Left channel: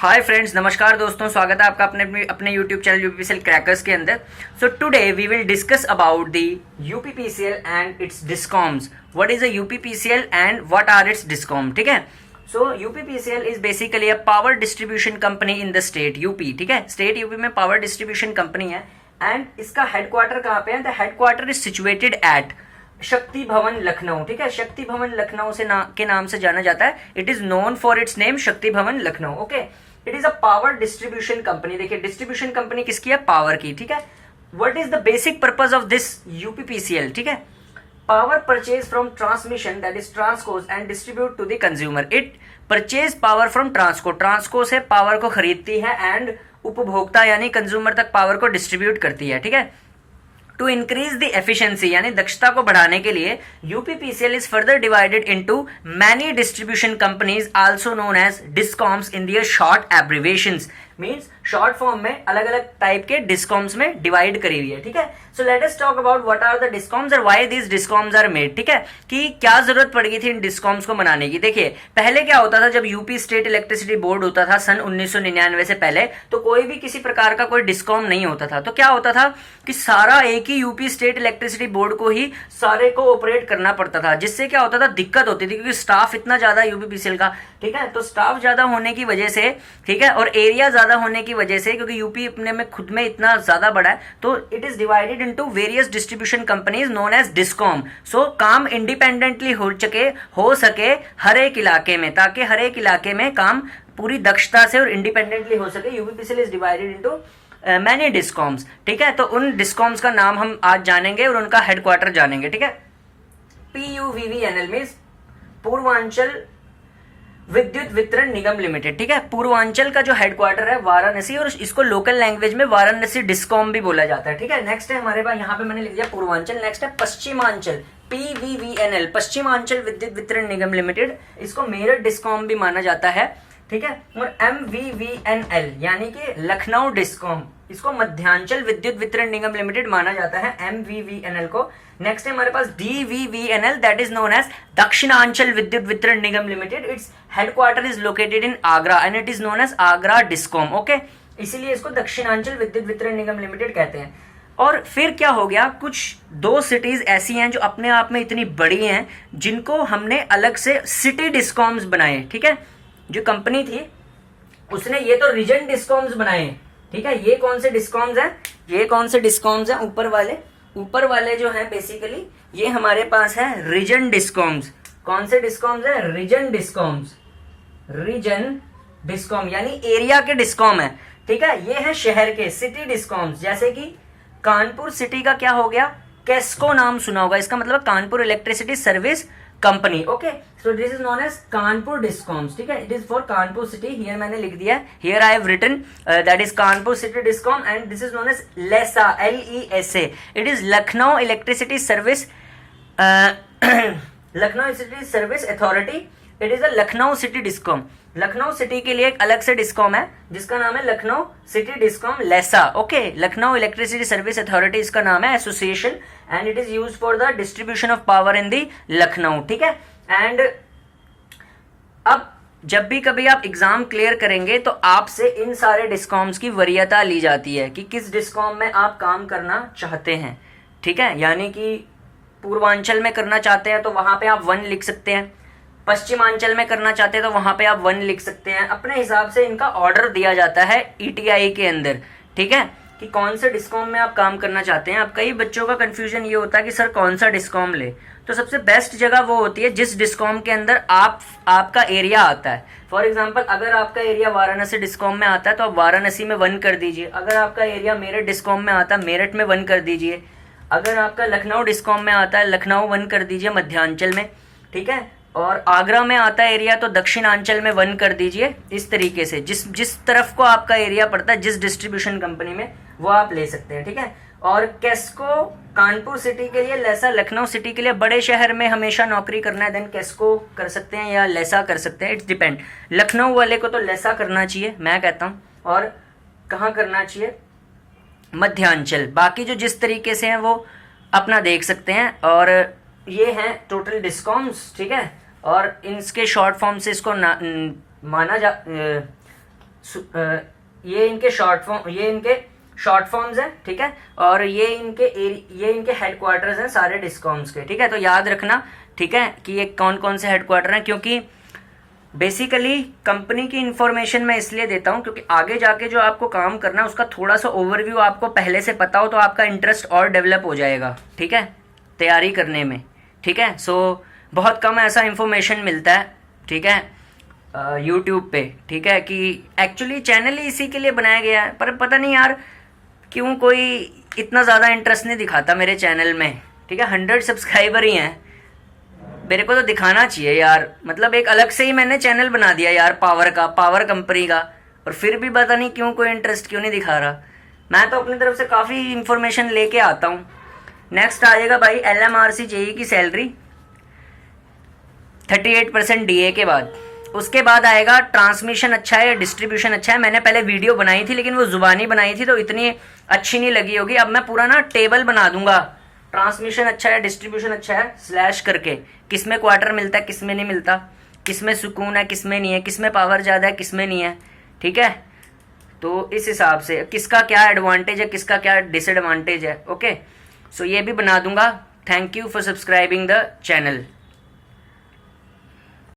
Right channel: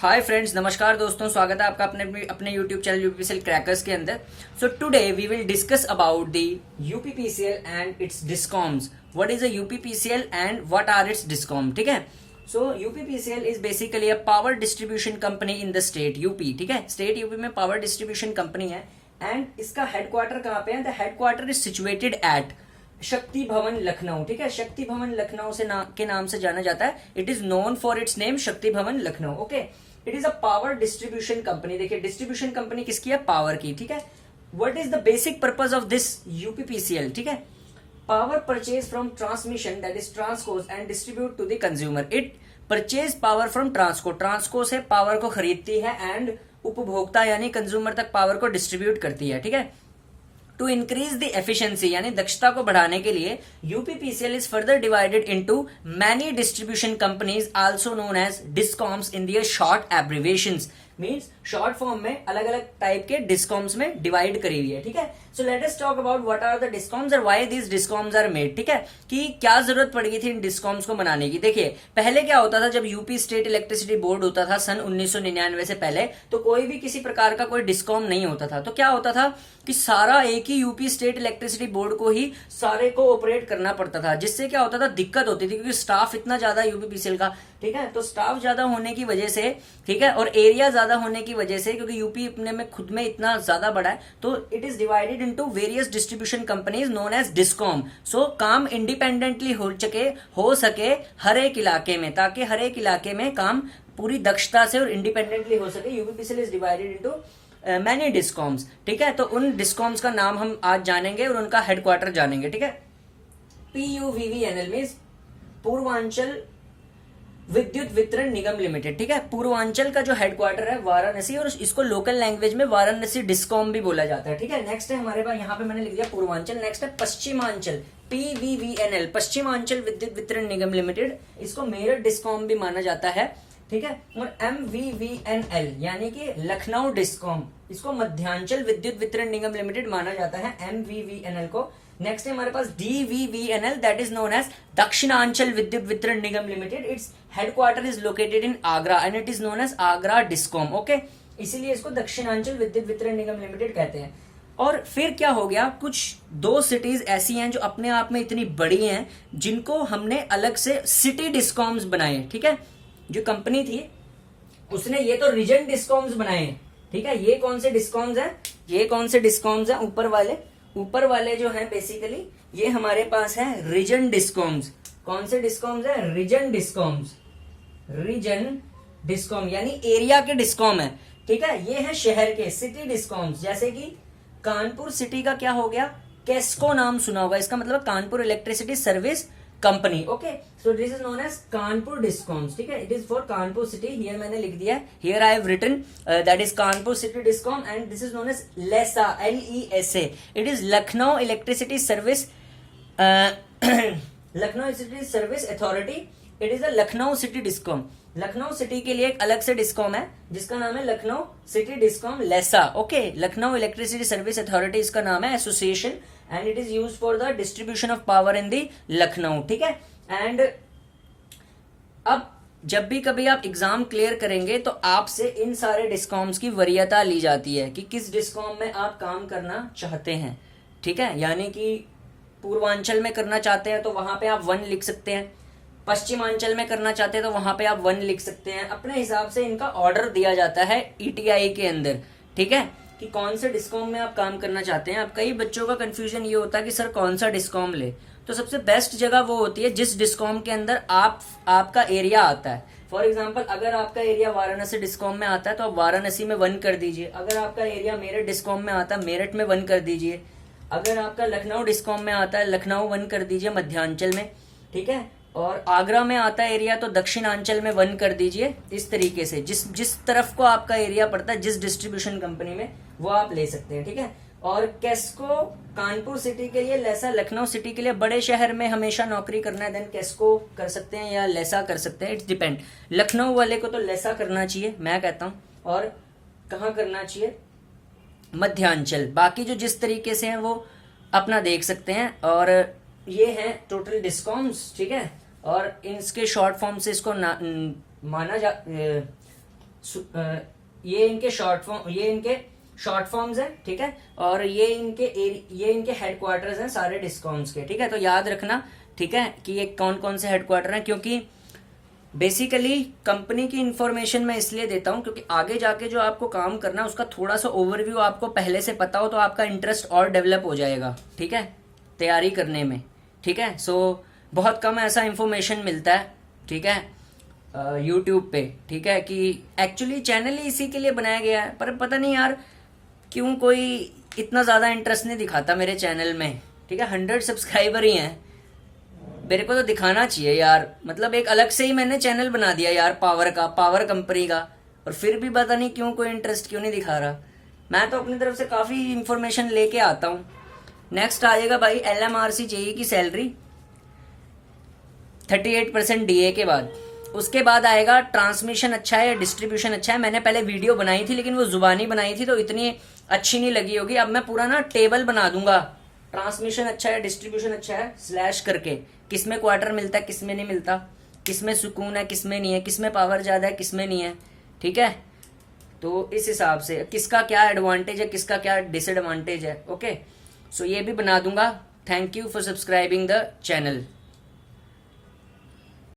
Hi friends, नमस्कार दोस्तों, स्वागत है आपका अपने अपने यूट्यूब चैनल यूपीपीसीएल क्रैकर्स के अंदर। So today we will discuss about the UPPCL and its discoms. What is a UPPCL and what are its discom. ठीक है, so UPPCL is basically a power distribution company in the state UP. ठीक है, state UP में power distribution company है and इसका headquarter कहाँ पे है? The headquarter is situated at Shakti Bhavan Lucknow. ठीक है, शक्ति भवन लखनऊ से के नाम से जाना जाता है। It is known for its name Shakti Bhavan Lucknow. Okay, it is a power distribution company. देखिए, डिस्ट्रीब्यूशन कंपनी किसकी है? पावर की। ठीक है, what is the basic purpose of this UPPCL? ठीक है, power purchase from transmission that is transcos and distribute to the consumer. It purchase power from transco. Transco से power को खरीदती है एंड उपभोक्ता यानी कंज्यूमर तक पावर को डिस्ट्रीब्यूट करती है। ठीक है, टू इंक्रीज द एफिशिएंसी यानी दक्षता को बढ़ाने के लिए UPPCL is further divided into many distribution companies also known as discoms in their short abbreviations. Means short form में अलग अलग टाइप के डिस्कॉम्स में डिवाइड करी हुई है। ठीक है, so let us talk about what are the discoms और why these discoms are made. ठीक है, कि क्या जरूरत पड़ गई थी इन डिस्कॉम्स को बनाने की। देखिए, पहले क्या होता था, जब यूपी स्टेट इलेक्ट्रिसिटी बोर्ड होता था सन 1999 से पहले, तो कोई भी किसी प्रकार का कोई डिस्कॉम नहीं होता था। तो क्या होता था कि सारा एक ही यूपी स्टेट इलेक्ट्रिसिटी बोर्ड को ही सारे को ऑपरेट करना पड़ता था, जिससे क्या होता था, दिक्कत होती थी क्योंकि स्टाफ इतना ज्यादा यूपीपीसीएल का। ठीक है, तो स्टाफ ज्यादा होने की वजह से, ठीक है, और एरिया ज्यादा होने की वजह से, क्योंकि यूपी अपने में खुद में इतना ज्यादा बड़ा है, तो it is divided into various distribution companies known as discom. So काम इंडिपेंडेंटली हो सके हर एक इलाके में, ताकि हर एक इलाके में काम पूरी दक्षता से और इंडिपेंडेंटली हो सके। UPPCL is divided into many discoms. ठीक है, तो उन डिस्कॉम्स का नाम हम आज जानेंगे और उनका हेडक्वार्टर जानेंगे। ठीक है, PUVVNL मींस पूर्वांचल विद्युत वितरण निगम लिमिटेड। ठीक है, पूर्वांचल का जो हेडक्वार्टर है वाराणसी, और इसको लोकल लैंग्वेज में वाराणसी डिस्कॉम भी बोला जाता है। ठीक है, नेक्स्ट है हमारे पास, यहाँ पे मैंने लिख दिया पूर्वांचल। नेक्स्ट है पश्चिमांचल, PVVNL, पश्चिमांचल विद्युत वितरण निगम लिमिटेड। इसको मेरठ डिस्कॉम भी माना जाता है। ठीक है, और MVVNL यानी कि लखनऊ डिस्कॉम, इसको मध्यांचल विद्युत वितरण निगम लिमिटेड माना जाता है, MVVNL को। नेक्स्ट है हमारे पास DVVNL, that is known as Dakshinanchal Vidyut Vitran Nigam limited. Its headquarter is located in Agra and it is known as Agra discom. Okay, इसीलिए इसको दक्षिणांचल विद्युत वितरण निगम लिमिटेड कहते हैं। और फिर क्या हो गया, कुछ दो सिटीज ऐसी हैं जो अपने आप में इतनी बड़ी हैं, जिनको हमने अलग से सिटी डिस्कॉम्स बनाए। ठीक है, जो कंपनी थी उसने ये तो रीजन डिस्कॉम्स बनाए। ठीक है, ये कौन से डिस्कॉम्स हैं? ये कौन से डिस्कॉम्स हैं? ऊपर वाले जो हैं बेसिकली ये हमारे पास है रीजन डिस्कॉम्स। कौन से डिस्कॉम्स है? Region discoms. रीजन डिस्कॉम यानी एरिया के डिस्कॉम है। ठीक है, ये है शहर के सिटी डिस्कॉम्स। जैसे कि कानपुर सिटी का क्या हो गया? केस्को नाम सुना होगा, इसका मतलब Kanpur electricity service company. Okay, so this is known as Kanpur discoms. ठीक है, it is for Kanpur city. Here मैंने लिख दिया है, here I have written that is Kanpur city discom and this is known as LESA, LESA। It is Lucknow electricity service, Lucknow city service authority. It is a Lucknow city discom. Lucknow city के लिए एक अलग से discom है जिसका नाम है Lucknow city discom LESA. Okay, Lucknow electricity service authority इसका नाम है, association, and it is used for the distribution of power in the Lucknow. ठीक है, एंड अब जब भी कभी आप एग्जाम क्लियर करेंगे तो आपसे इन सारे डिस्कॉम्स की वरीयता ली जाती है कि किस डिस्कॉम में आप काम करना चाहते हैं। ठीक है, यानी कि पूर्वांचल में करना चाहते हैं तो वहां पे आप 1 लिख सकते हैं, पश्चिमांचल में करना चाहते हैं तो वहां पे आप 1 लिख सकते हैं। अपने हिसाब से इनका ऑर्डर दिया जाता है ETI के अंदर। ठीक है, कि कौन से डिस्कॉम में आप काम करना चाहते हैं। अब कई बच्चों का कंफ्यूजन ये होता है कि सर कौन सा डिस्कॉम ले, तो सबसे बेस्ट जगह वो होती है जिस डिस्कॉम के अंदर आपका एरिया आता है। फॉर एग्जाम्पल, अगर आपका एरिया वाराणसी डिस्कॉम में आता है तो आप वाराणसी में 1 कर दीजिए। अगर आपका एरिया मेरठ डिस्कॉम में आता है, मेरठ में 1 कर दीजिए। अगर आपका लखनऊ डिस्कॉम में आता है, लखनऊ 1 कर दीजिए मध्यांचल में। ठीक है, और आगरा में आता है एरिया तो दक्षिणांचल में 1 कर दीजिए। इस तरीके से जिस तरफ को आपका एरिया पड़ता है, जिस डिस्ट्रीब्यूशन कंपनी में, वो आप ले सकते हैं। ठीक है, और केस्को कानपुर सिटी के लिए, लेसा लखनऊ सिटी के लिए, बड़े शहर में हमेशा नौकरी करना है देन केस्को कर सकते हैं या लेसा कर सकते हैं, इट्स डिपेंड। लखनऊ वाले को तो लेसा करना चाहिए मैं कहता हूं, और कहाँ करना चाहिए? मध्यांचल। बाकी जो जिस तरीके से हैं वो अपना देख सकते हैं। और ये हैं टोटल डिस्कॉम्स। ठीक है, और इनके शॉर्ट फॉर्म से इसको माना जा ये इनके शॉर्ट फॉर्म्स हैं, ठीक है, और ये इनके हेडक्वार्टर्स हैं सारे डिस्कॉम्स के, ठीक है। तो याद रखना, ठीक है, कि ये कौन कौन से हेडक्वार्टर हैं, क्योंकि बेसिकली कंपनी की इंफॉर्मेशन मैं इसलिए देता हूं क्योंकि आगे जाके जो आपको काम करना है उसका थोड़ा सा ओवरव्यू आपको पहले से पता हो तो आपका इंटरेस्ट और डेवलप हो जाएगा, ठीक है, तैयारी करने में, ठीक है। सो बहुत कम ऐसा इंफॉर्मेशन मिलता है, ठीक है, यूट्यूब पे, ठीक है, कि एक्चुअली चैनल ही इसी के लिए बनाया गया है, पर पता नहीं यार क्यों कोई इतना ज़्यादा इंटरेस्ट नहीं दिखाता मेरे चैनल में, ठीक है। 100 सब्सक्राइबर ही हैं, मेरे को तो दिखाना चाहिए यार, मतलब एक अलग से ही मैंने चैनल बना दिया यार पावर कंपनी का, और फिर भी पता नहीं क्यों कोई इंटरेस्ट क्यों नहीं दिखा रहा। मैं तो अपनी तरफ से काफ़ी इंफॉर्मेशन लेके आता हूँ। नेक्स्ट आ जाएगा भाई LMRC JE की सैलरी 38% DA के बाद। उसके बाद आएगा ट्रांसमिशन अच्छा है, डिस्ट्रीब्यूशन अच्छा है। मैंने पहले वीडियो बनाई थी लेकिन वो जुबानी बनाई थी तो इतनी अच्छी नहीं लगी होगी। अब मैं पूरा ना टेबल बना दूंगा, ट्रांसमिशन अच्छा है, डिस्ट्रीब्यूशन अच्छा है, स्लैश करके किसमें क्वार्टर मिलता है, किसमें नहीं मिलता, किसमें सुकून है, किसमें नहीं है, किसमें पावर ज़्यादा है, किसमें नहीं है, ठीक है। तो इस हिसाब से किसका क्या एडवांटेज है, किसका क्या डिसएडवांटेज है, ओके। सो ये भी बना दूंगा। Thank you for subscribing the channel.